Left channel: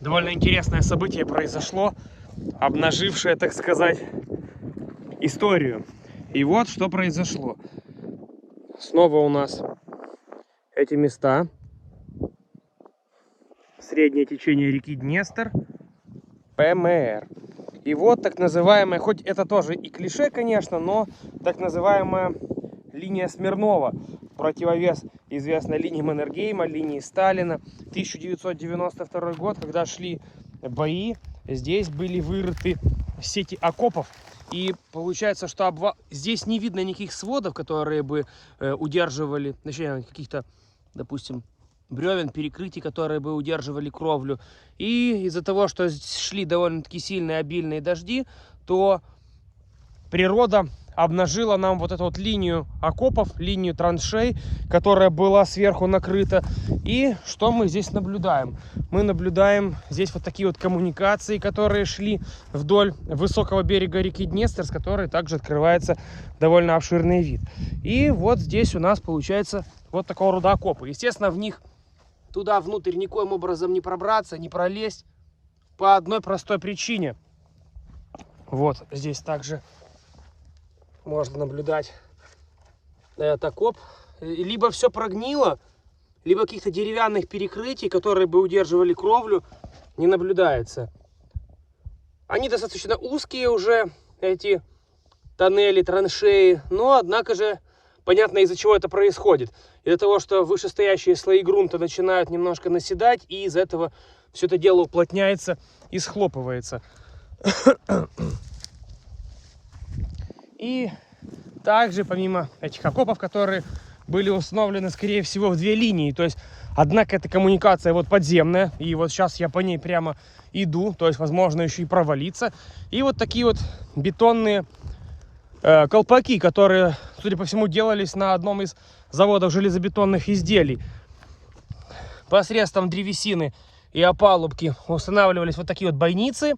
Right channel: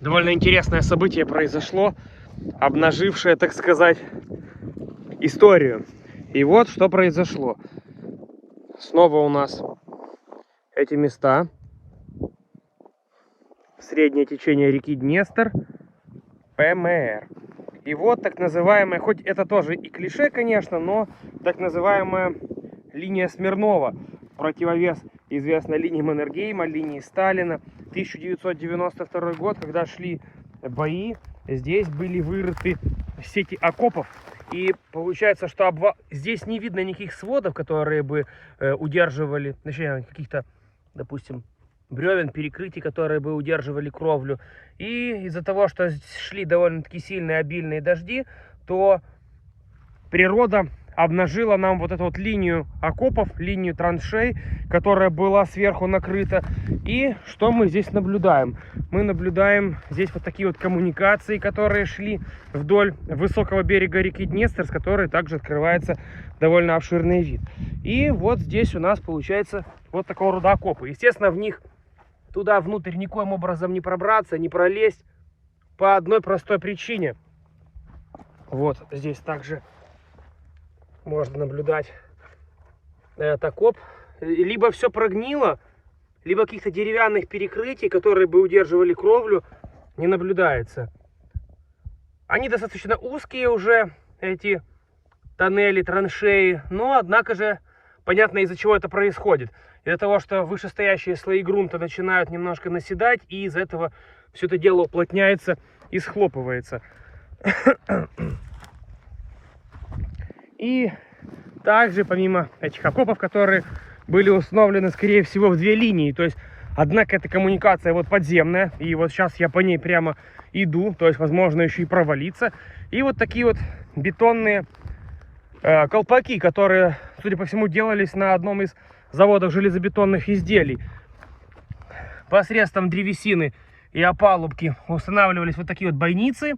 довольно интересное событие произошло, обнажившее, так сказать, историю. И вот что произошло. Снова у нас эти места. Среднее течение реки Днестр, ПМР. И вот так называемая, хоть это тоже и клише, конечно, но так называемая линия Смирнова. Противовес известной линии Маннергейма, линии Сталина. 1992 год, когда шли бои, здесь были вырыты сети окопов. И получается, что здесь не видно никаких сводов, которые бы удерживали, точнее, каких-то, допустим, бревен, перекрытий, которые бы удерживали кровлю. И из-за того, что шли довольно-таки сильные обильные дожди, то природа обнажила нам вот эту вот линию окопов, линию траншей, которая была сверху накрыта. И что мы здесь наблюдаем? Мы наблюдаем здесь вот такие вот коммуникации, которые шли вдоль высокого берега реки Днестр, с которой также открывается довольно обширный вид. И вот здесь у нас получается вот такого рода окопы. Естественно, в них туда внутрь никоим образом не пробраться, не пролезть по одной простой причине. Вот здесь также можно наблюдать этот окоп. Либо все прогнило, либо каких-то деревянных перекрытий, которые бы удерживали кровлю, не наблюдается. Они достаточно узкие уже, эти тоннели, траншеи, но однако же понятно, из-за чего это происходит. Из-за того, что вышестоящие слои грунта начинают немножко наседать, и из-за этого все это дело уплотняется и схлопывается. И также, помимо этих окопов, которые были установлены, скорее всего, в две линии, то есть, однако, эта коммуникация вот подземная, и вот сейчас я по ней прямо иду, то есть, возможно, еще и провалиться. И вот такие вот бетонные колпаки, которые, судя по всему, делались на одном из заводов железобетонных изделий. Посредством древесины и опалубки устанавливались вот такие вот бойницы.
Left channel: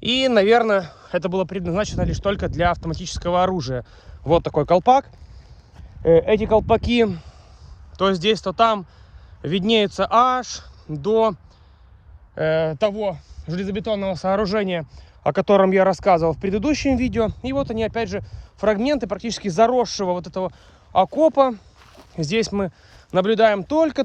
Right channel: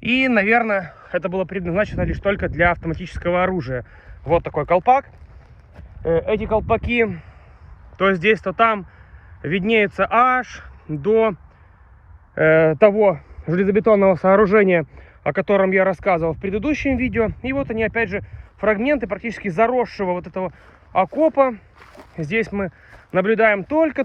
И, наверное, это было предназначено лишь только для автоматического оружия. Вот такой колпак. Эти колпаки то здесь, то там виднеются аж до того железобетонного сооружения, о котором я рассказывал в предыдущем видео. И вот они, опять же, фрагменты практически заросшего вот этого окопа. Здесь мы наблюдаем только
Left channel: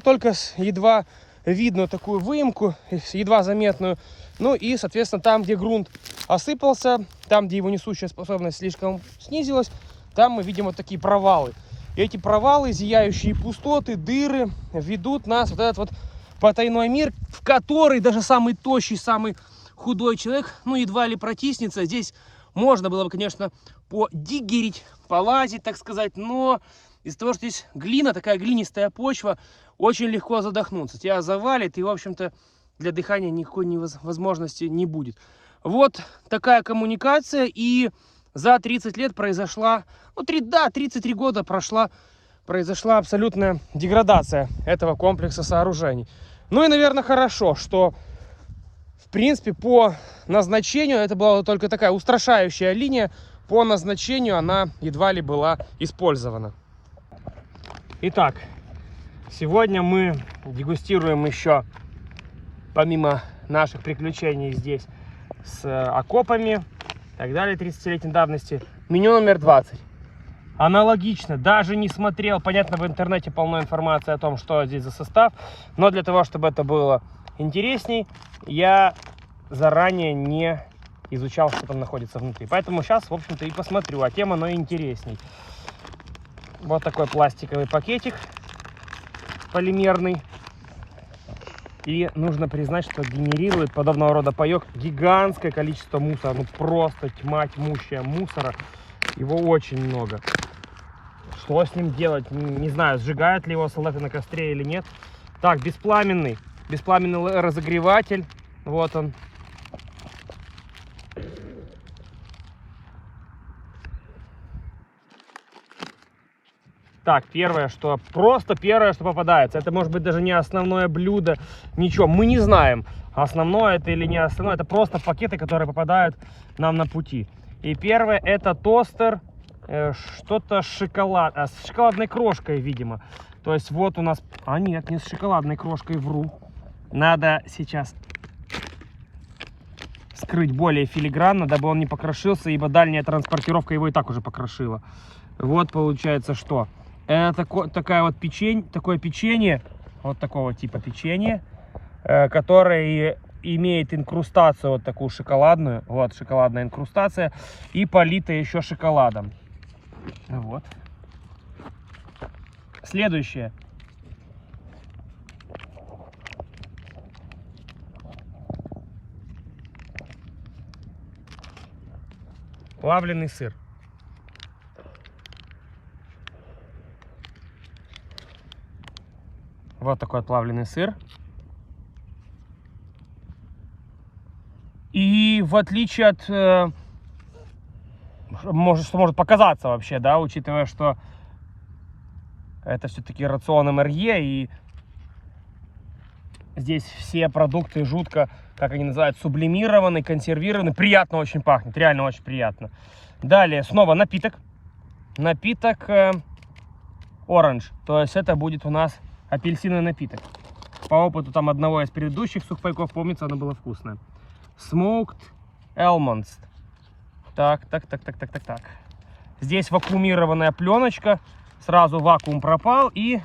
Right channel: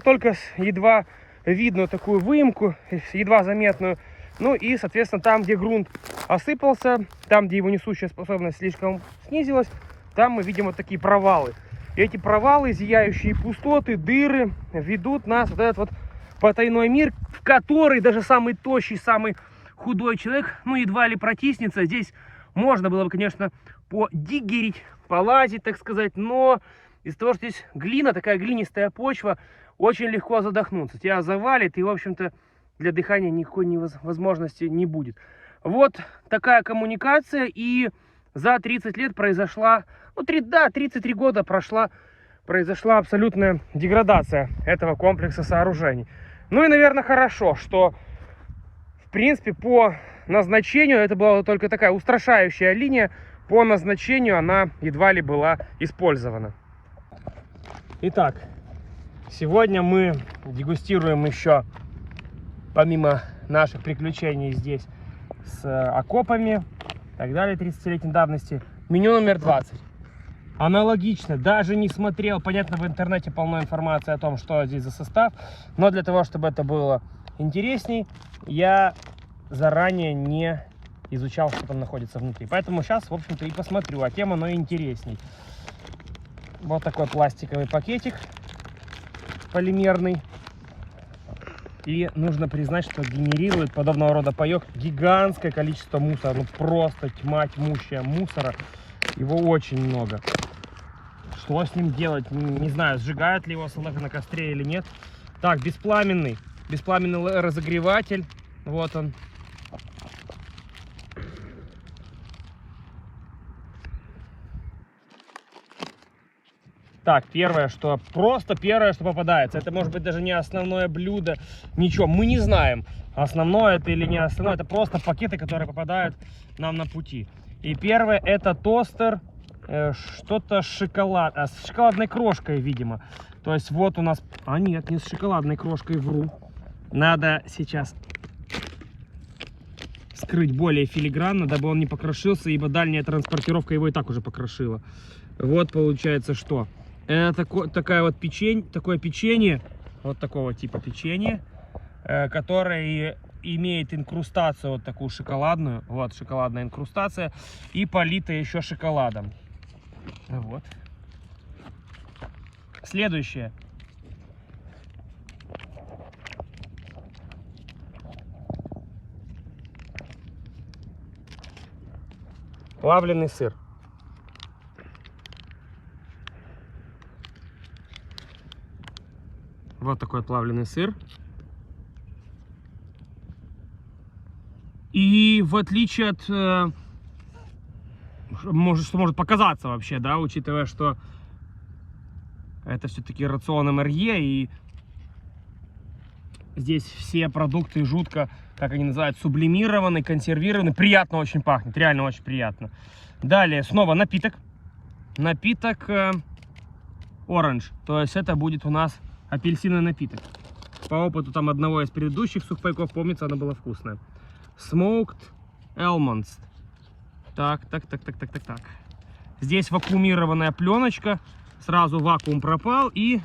едва видную такую выемку, едва заметную. Ну и, соответственно, там, где грунт осыпался, там, где его несущая способность слишком снизилась, там мы видим вот такие провалы. И эти провалы, зияющие пустоты, дыры, ведут нас в этот вот потайной мир, в который даже самый тощий, самый худой человек, ну, едва ли протиснется. Здесь можно было бы, конечно, подиггерить, полазить, так сказать, но из-за того, что здесь глина, такая глинистая почва, очень легко задохнуться. Тебя завалит, и, в общем-то, для дыхания никакой возможности не будет. Вот такая коммуникация, и за 30 лет произошла, ну, 33 года произошла абсолютная деградация этого комплекса сооружений. Ну и, наверное, хорошо, что, в принципе, по назначению, это была только такая устрашающая линия, по назначению она едва ли была использована. Итак, сегодня мы дегустируем еще, помимо наших приключений здесь с окопами и так далее, 30-летней давности, меню номер 20. Аналогично, даже не смотрел, понятно, в интернете полно информации о том, что здесь за состав, но для того, чтобы это было интересней, я заранее не изучал, что там находится внутри. Поэтому сейчас, в общем-то, и посмотрю, а тем оно интересней. Вот такой пластиковый пакетик полимерный. И нужно признать, что генерирует подобного рода паёк гигантское количество мусора. Ну просто тьма тьмущая мусора. Его очень много. Что с ним делать? Не знаю, сжигают ли его салаты на костре или нет. Так, беспламенный разогреватель. Вот он. Так, первое, что попадается. Это может быть даже не основное блюдо, ничего. Мы не знаем, основное это или не основное. Это просто пакеты, которые попадают нам на пути. И первое, это тостер, что-то с шоколадной крошкой, видимо. То есть вот у нас... А нет, не с шоколадной крошкой, вру. Надо сейчас скрыть более филигранно, дабы он не покрошился, ибо дальняя транспортировка его и так уже покрошила. Вот получается что. Это такое печенье, вот такого типа печенье, которое имеет инкрустацию вот такую шоколадную, вот шоколадная инкрустация, и полита еще шоколадом. Вот. Следующее. Плавленый сыр. Вот такой плавленый сыр. И в отличие от, что может показаться вообще, да, учитывая, что это все-таки рацион МРЕ, и здесь все продукты жутко, как они называют, сублимированы, консервированы. Приятно очень пахнет, реально очень приятно. Далее снова напиток. Напиток оранж, то есть это будет у нас апельсиновый напиток. По опыту там одного из предыдущих сухпайков, помнится, оно было вкусное. Smoked almonds. Так. Здесь вакуумированная пленочка. Сразу вакуум пропал, и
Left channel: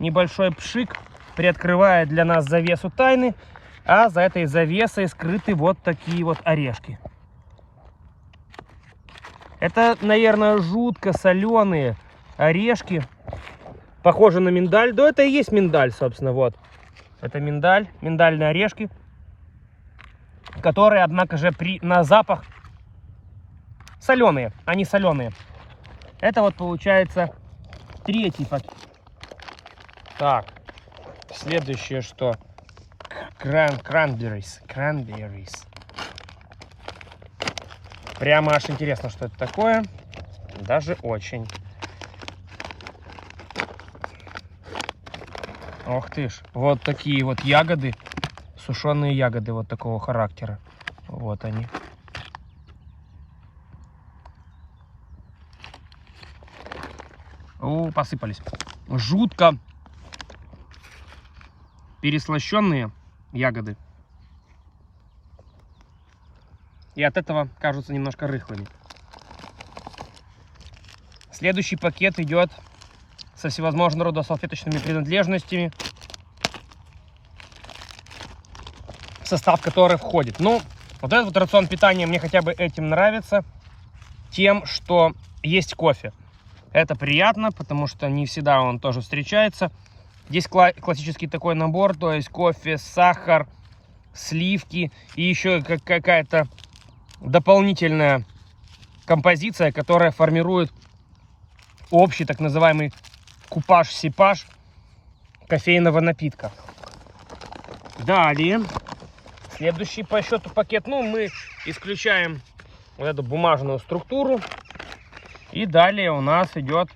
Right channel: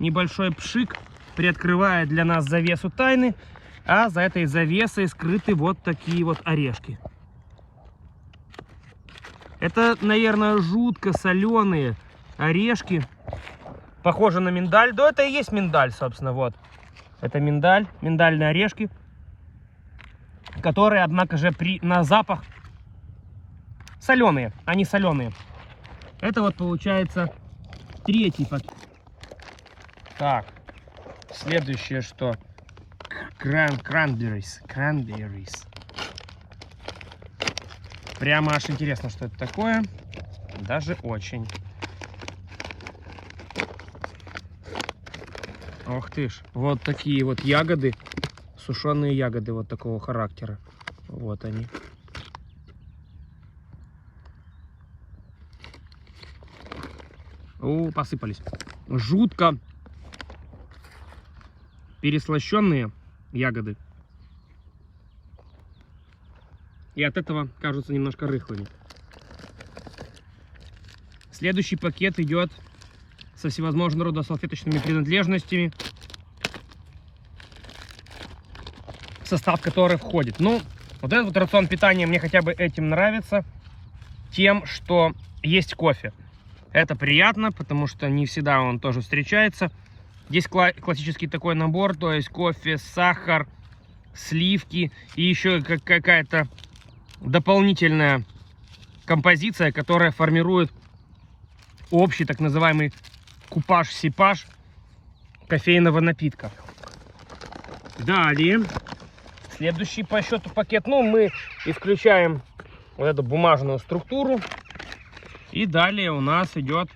небольшой пшик приоткрывает для нас завесу тайны. А за этой завесой скрыты вот такие вот орешки. Это, наверное, жутко соленые орешки. Похоже на миндаль. Да, это и есть миндаль, собственно, вот. Это миндаль, миндальные орешки, которые, однако же, на запах соленые, они соленые. Это вот получается третий пакет. Так, следующее что? Cranberries. Прямо аж интересно, что это такое. Даже очень. Ох ты ж. Вот такие вот ягоды. Сушеные ягоды вот такого характера. Вот они. О, посыпались. Жутко переслащенные ягоды. И от этого кажутся немножко рыхлыми. Следующий пакет идет со всевозможного рода салфеточными принадлежностями, в состав которой входит. Ну, вот этот вот рацион питания мне хотя бы этим нравится, тем, что есть кофе. Это приятно, потому что не всегда он тоже встречается. Здесь классический такой набор, то есть кофе, сахар, сливки и еще какая-то дополнительная композиция, которая формирует общий так называемый купаж-сипаж кофейного напитка. Далее, следующий по счету пакет. Ну, мы исключаем вот эту бумажную структуру. И далее у нас идет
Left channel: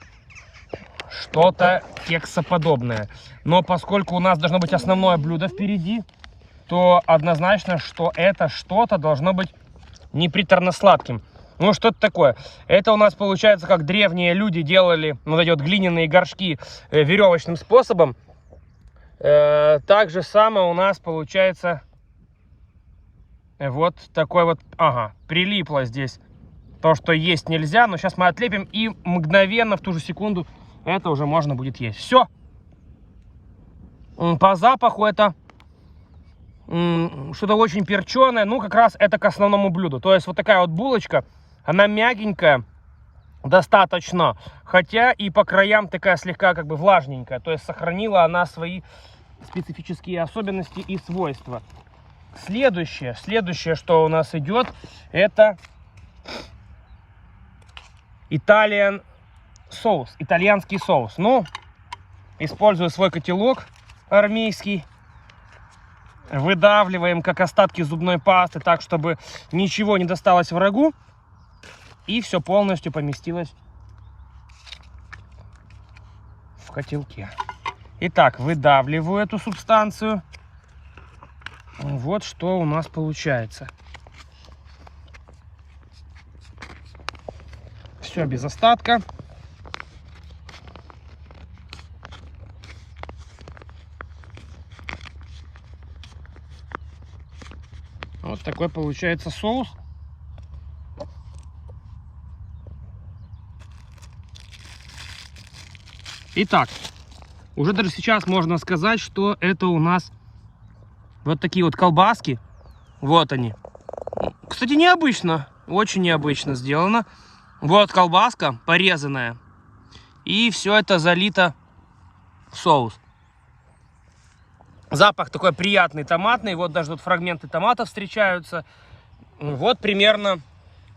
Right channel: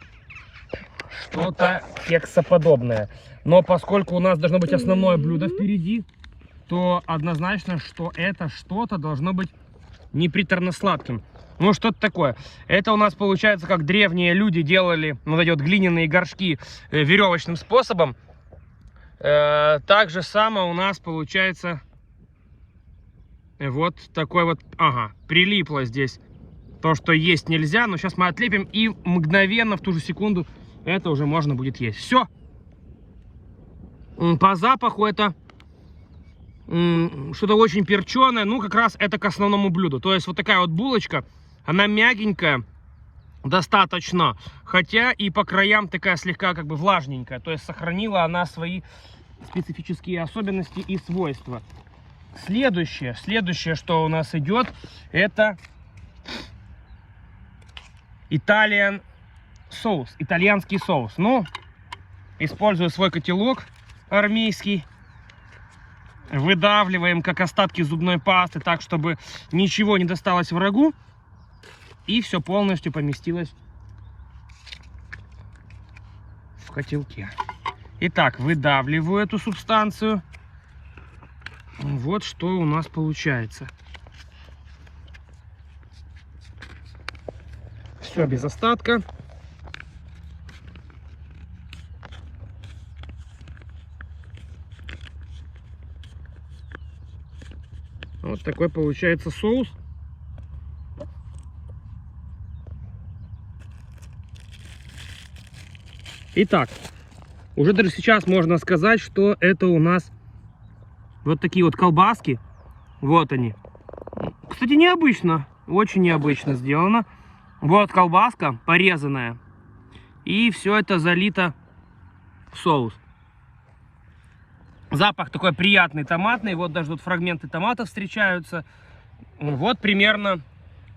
что-то кексоподобное. Но поскольку у нас должно быть основное блюдо впереди, то однозначно, что это что-то должно быть не приторно-сладким. Ну, что-то такое. Это у нас получается, как древние люди делали вот эти вот глиняные горшки веревочным способом. Так же самое у нас получается вот такой вот, прилипло здесь то, что есть нельзя. Но сейчас мы отлепим, и мгновенно, в ту же секунду, это уже можно будет есть. Все. По запаху это что-то очень перченое. Ну, как раз это к основному блюду. То есть вот такая вот булочка. Она мягенькая достаточно, хотя и по краям такая слегка как бы влажненькая. То есть сохранила она свои специфические особенности и свойства. Следующее, что у нас идет, это итальянский соус. Ну, используя свой котелок армейский, выдавливаем как остатки зубной пасты, так, чтобы ничего не досталось врагу. И все полностью поместилось в котелке. Итак, выдавливаю эту субстанцию. Вот что у нас получается. Все без остатка. Вот такой получается соус. Итак, уже даже сейчас можно сказать, что это у нас вот такие вот колбаски. Вот они. Кстати, необычно, очень необычно сделано. Вот колбаска порезанная. И все это залито в соус. Запах такой приятный, томатный. Вот даже тут фрагменты томата встречаются. Вот примерно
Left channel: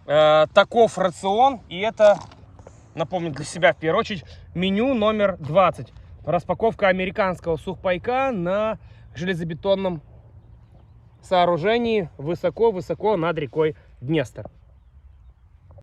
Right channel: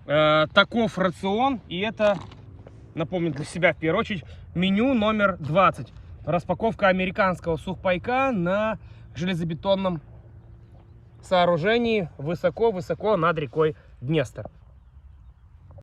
таков рацион. И это, напомню для себя в первую очередь, меню номер 20. Распаковка американского сухпайка на железобетонном сооружении высоко-высоко над рекой Днестр.